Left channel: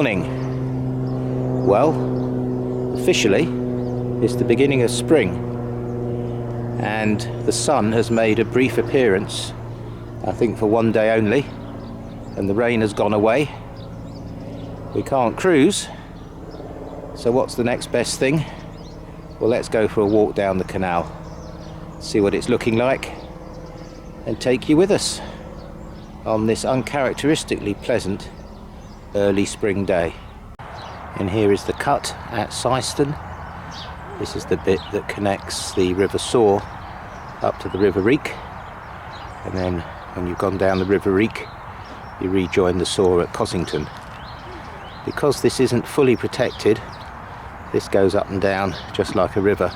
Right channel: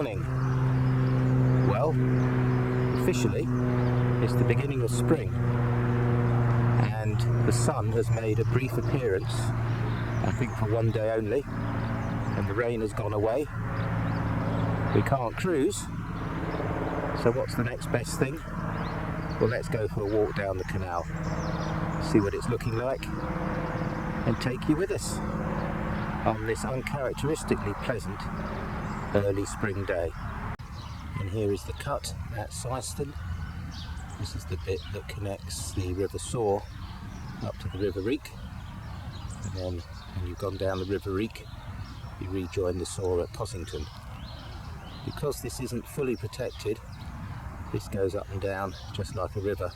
morning. Well, officially, it's the beginning of spring, and the sun has made a brief appearance, I think for one day only, and the rain has gone away. We can't cruise, so what's the next best thing? Well, let's go for a walk down the canal, see what it's looking like, and take you with us on this uncharacteristically pleasant early spring day. And here is the cut at Syston. This is the bit that connects the River Soar up to the River Reek, and then when you've gone down the River Reek you rejoin the Soar at Cossington. Because this isn't fully protected, this goes up and down just like a river,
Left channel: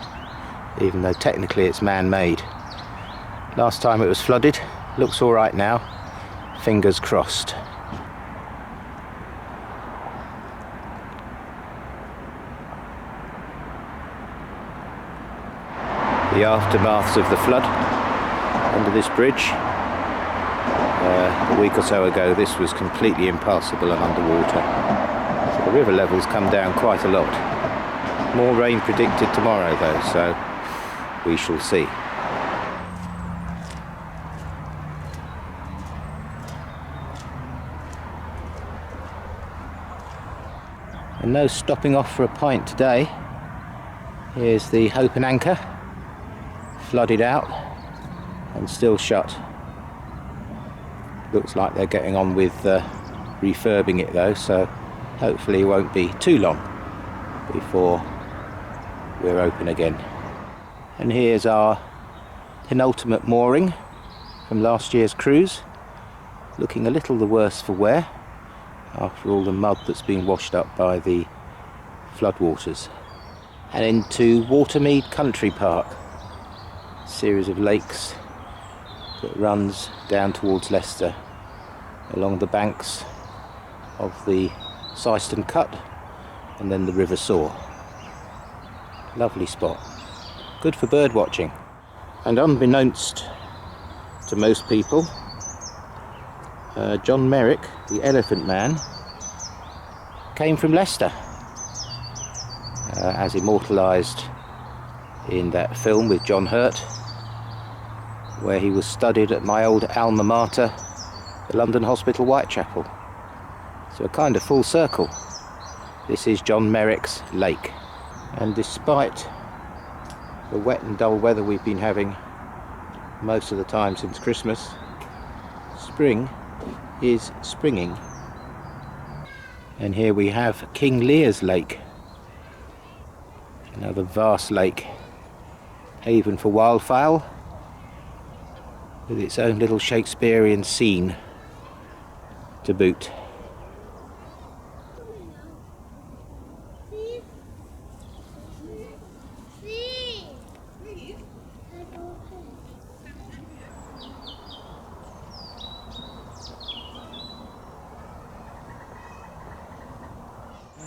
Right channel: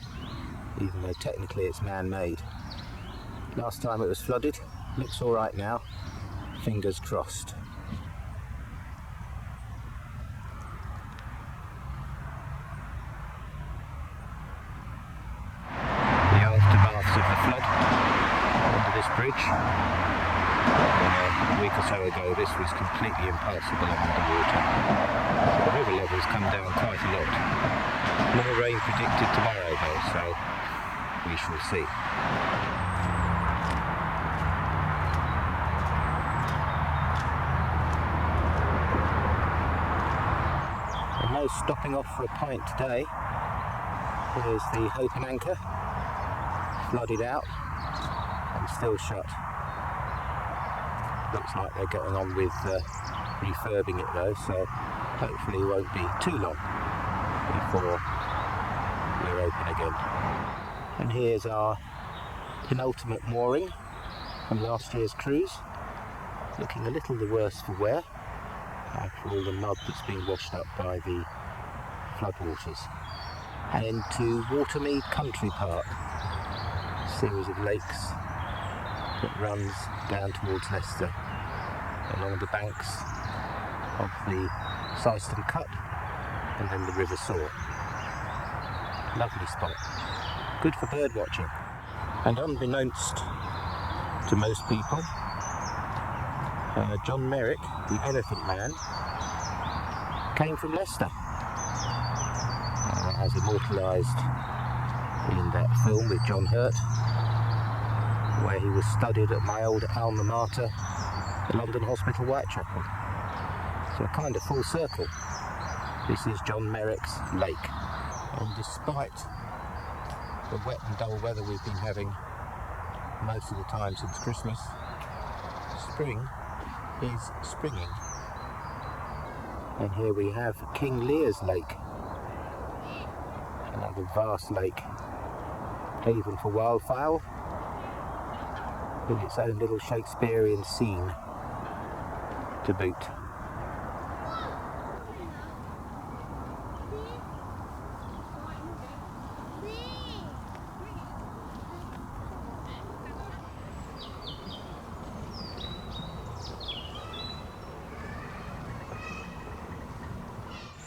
even though technically it's man-made. Last time it was flooded. Looks all right now, fingers crossed. The aftermaths of the flood under this bridge. A week or so ago this was completely impassable and underwater. So the river levels come down quite a lot. More rain predicted tomorrow though, so we shall see. And no stopping off for a pint today. Here's the Hope and Anchor, flooded out and still shut. Looks like they're getting on with refurbing it though, so hopefully it won't be too long before we're open again. And here's our penultimate mooring from last year's cruise, looking a little the worse for wear after all the mud that's been washed up by the floodwaters. And into Watermead Country Park, a series of lakes that runs down towards Leicester along the banks of the Syston Cut and then the River Soar. Lovely spot, good for bird watching. And unbeknownst to most people, John Merrick, the Elephant Man, came from Leicester, as immortalised in that film with John Hurt, where he was studied at my old alma mater, the London Hospital Whitechapel. So a kind of full circle. This is John Merrick's lake. And despite the wet and dull weather we've been having most of the time since Christmas, spring is springing. And here we have King Lear's Lake, another vast lake, haven for wildfowl, with its own little Shakespearean scene to boot.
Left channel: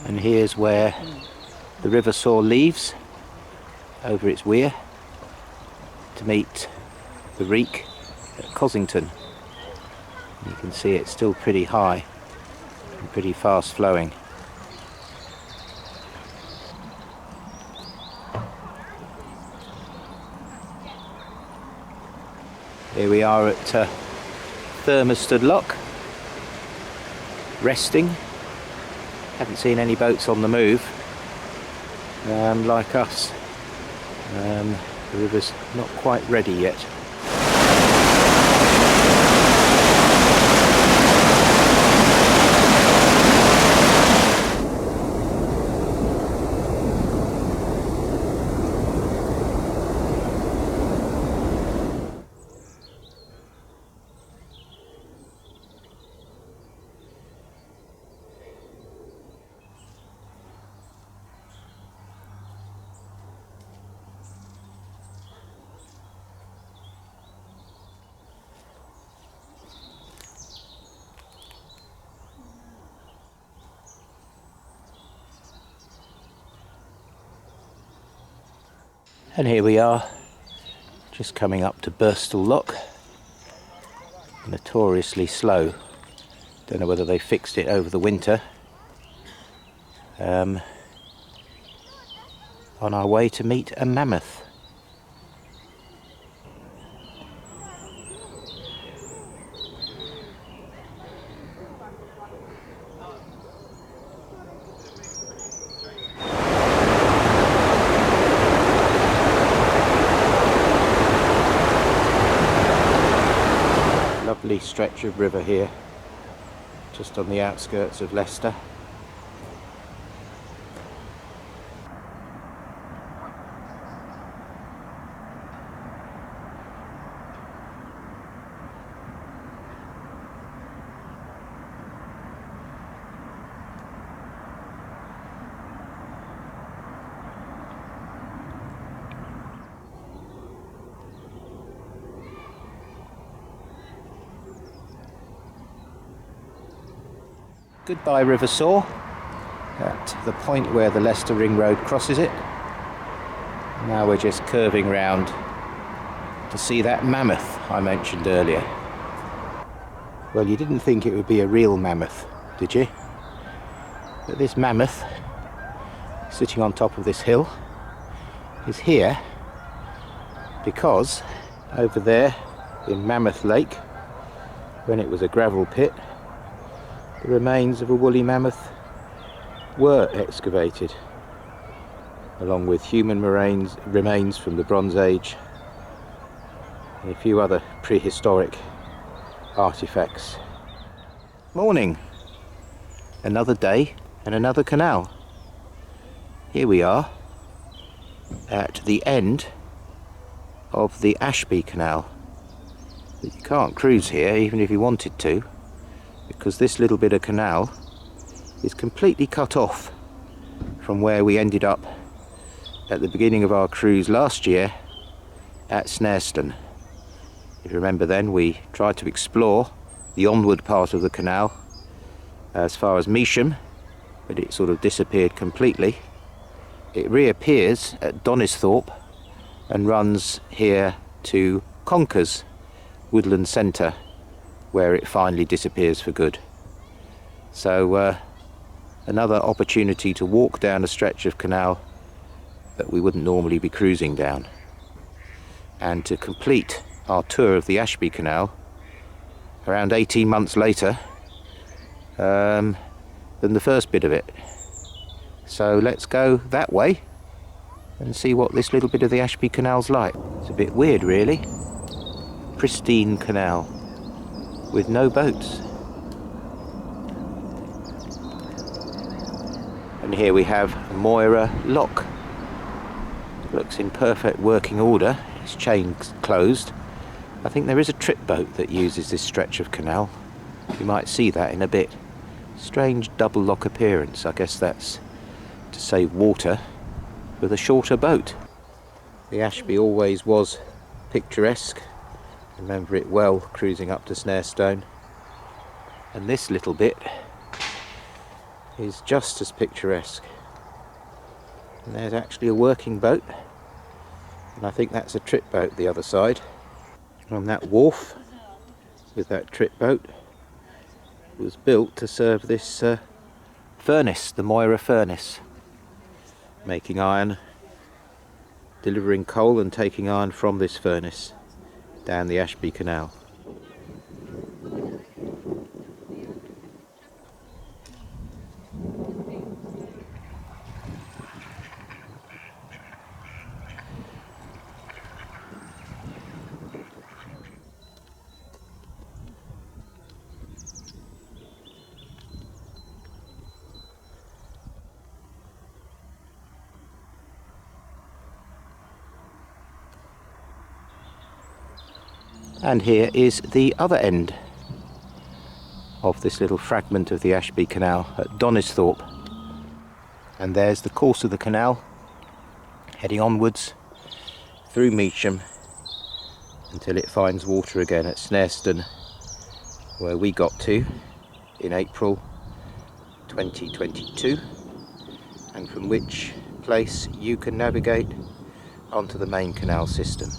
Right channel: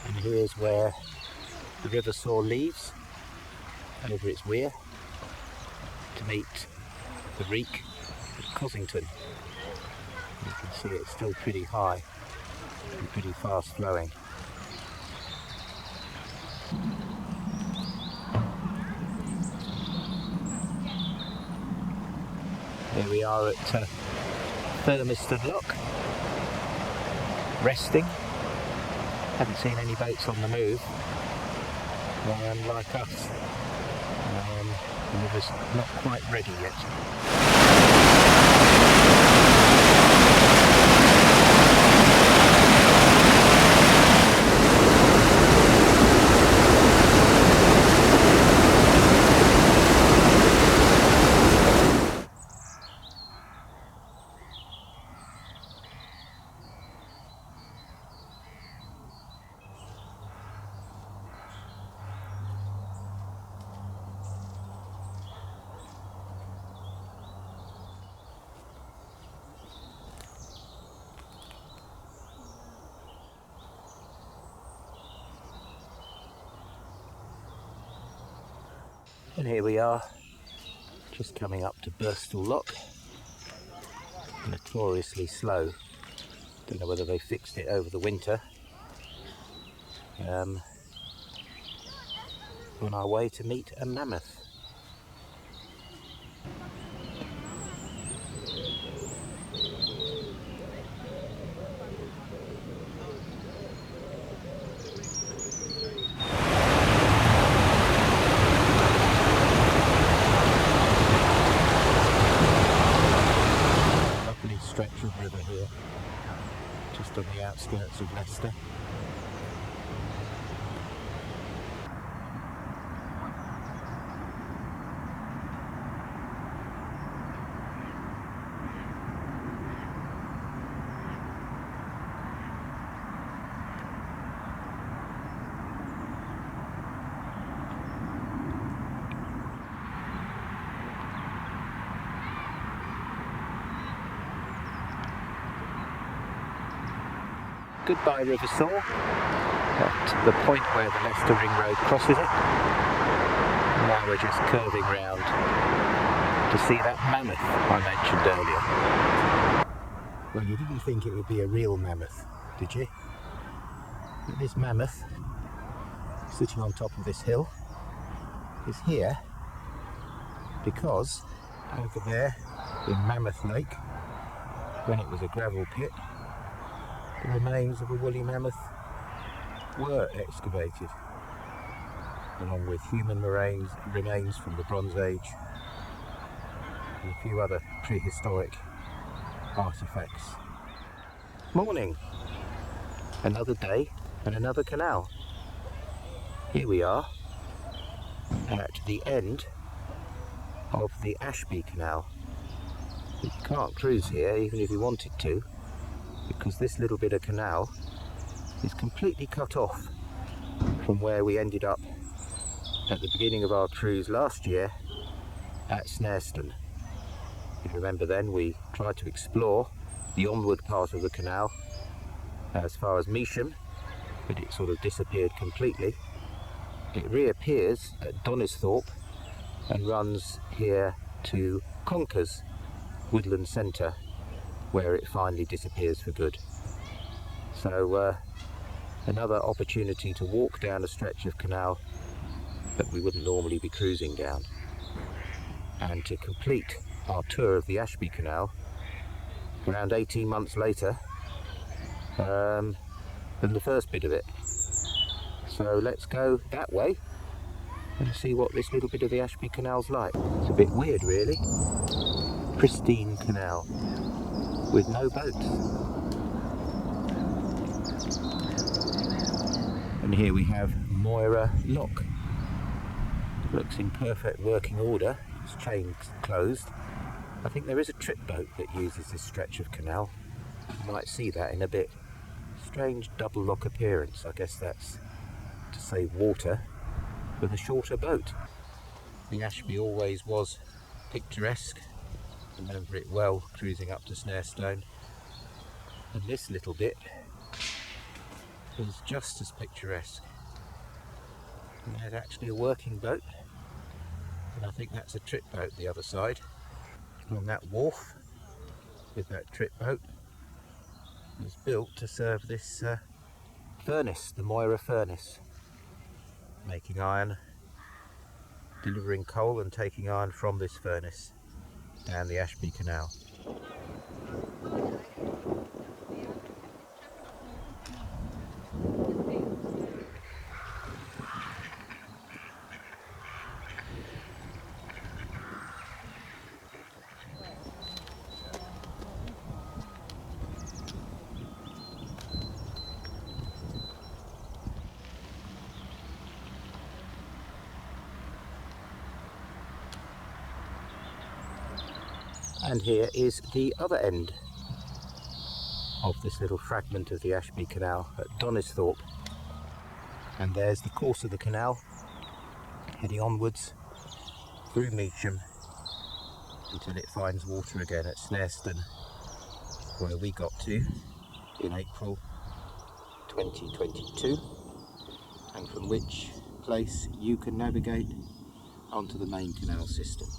And here's where the River Soar leaves over its weir to meet the Reek at Cossington. You can see it's still pretty high and pretty fast flowing. Here we are at Thermosted Lock, resting. Haven't seen any boats on the move, like us. The river's not quite ready yet. And here we are, just coming up to Birstall Lock. Notoriously slow. Don't know whether they fixed it over the winter, on our way to meet a mammoth. Lovely stretch of river here, just on the outskirts of Leicester. Goodbye River Soar, at the point where the Leicester Ring Road crosses it. Now we're just curving round to see that mammoth I mentioned earlier. Well, you didn't think it would be a real mammoth, did you? But this mammoth, sitting on top of this hill, is here because over there in Mammoth Lake, when it was a gravel pit, the remains of a woolly mammoth were excavated, along with human remains from the Bronze Age and a few other prehistoric artifacts. Morning! Another day and another canal. Here we are at the end of the Ashby Canal. But you can't cruise here even if you wanted to, because this little bit of canal is completely cut off from where we ended up at the beginning of our cruise last year at Snareston. If you remember then, we tried to explore the onward part of the canal as far as Measham, but it sort of disappeared completely. It reappears at Donisthorpe and runs here to Conkers Woodland Centre, where it finally disappears for good. So another opportunity to walk down a stretch of canal that we wouldn't normally be cruising down, and to complete our tour of the Ashby Canal around 18 months later than the first bit of it. So let's go that way and see what this little bit of the Ashby Canal's like. It's a bit weird really. Pristine canal with no boats. And here we have Moira Lock. Looks in perfect working order. Its chain's closed. I think there is a trip boat that uses this stretch of canal. You might see that in a bit. Strange double lock appearance. I guess that's to save water with a shorter boat. The Ashby always was picturesque. Remember it well cruising up to Snarestone. And this little bit is just as picturesque. And there's actually a working boat, and I think that's a trip boat the other side. On that wharf with that trip boat was built to serve this furnace, the Moira furnace, making iron, delivering coal and taking iron from this furnace down the Ashby Canal. And here is the other end of this little fragment of the Ashby Canal at Donisthorpe. And there's the course of the canal, heading onwards through Measham until it finds water again at Snareston, where we got to in April 2022, and from which place you can navigate onto the main canal system.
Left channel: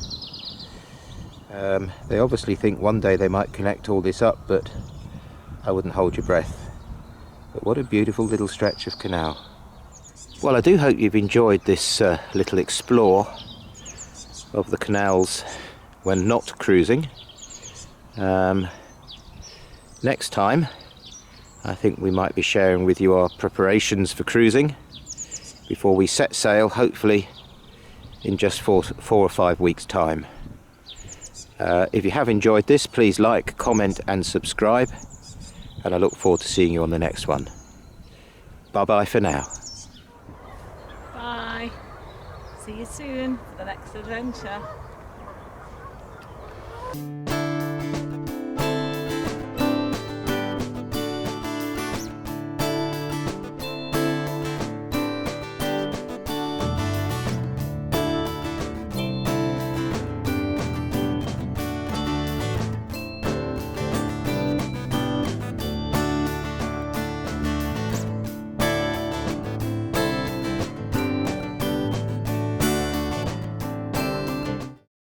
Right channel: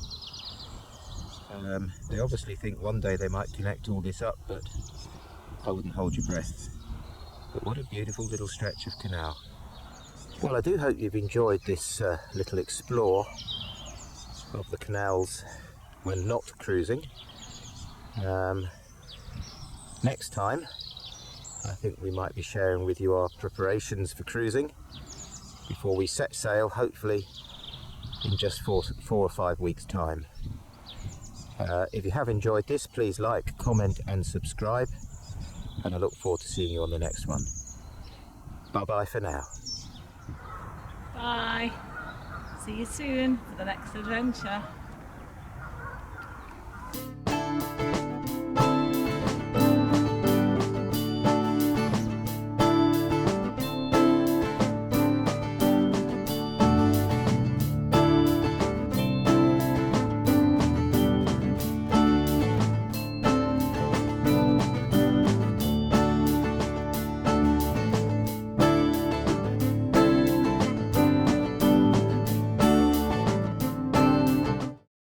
They obviously think one day they might connect all this up, but I wouldn't hold your breath. But what a beautiful little stretch of canal. Well, I do hope you've enjoyed this little explore of the canals when not cruising. Next time, I think we might be sharing with you our preparations for cruising before we set sail, hopefully in just 4 or 5 weeks' time. If you have enjoyed this, please like, comment and subscribe, and I look forward to seeing you on the next one. Bye bye for now. Bye. See you soon for the next adventure.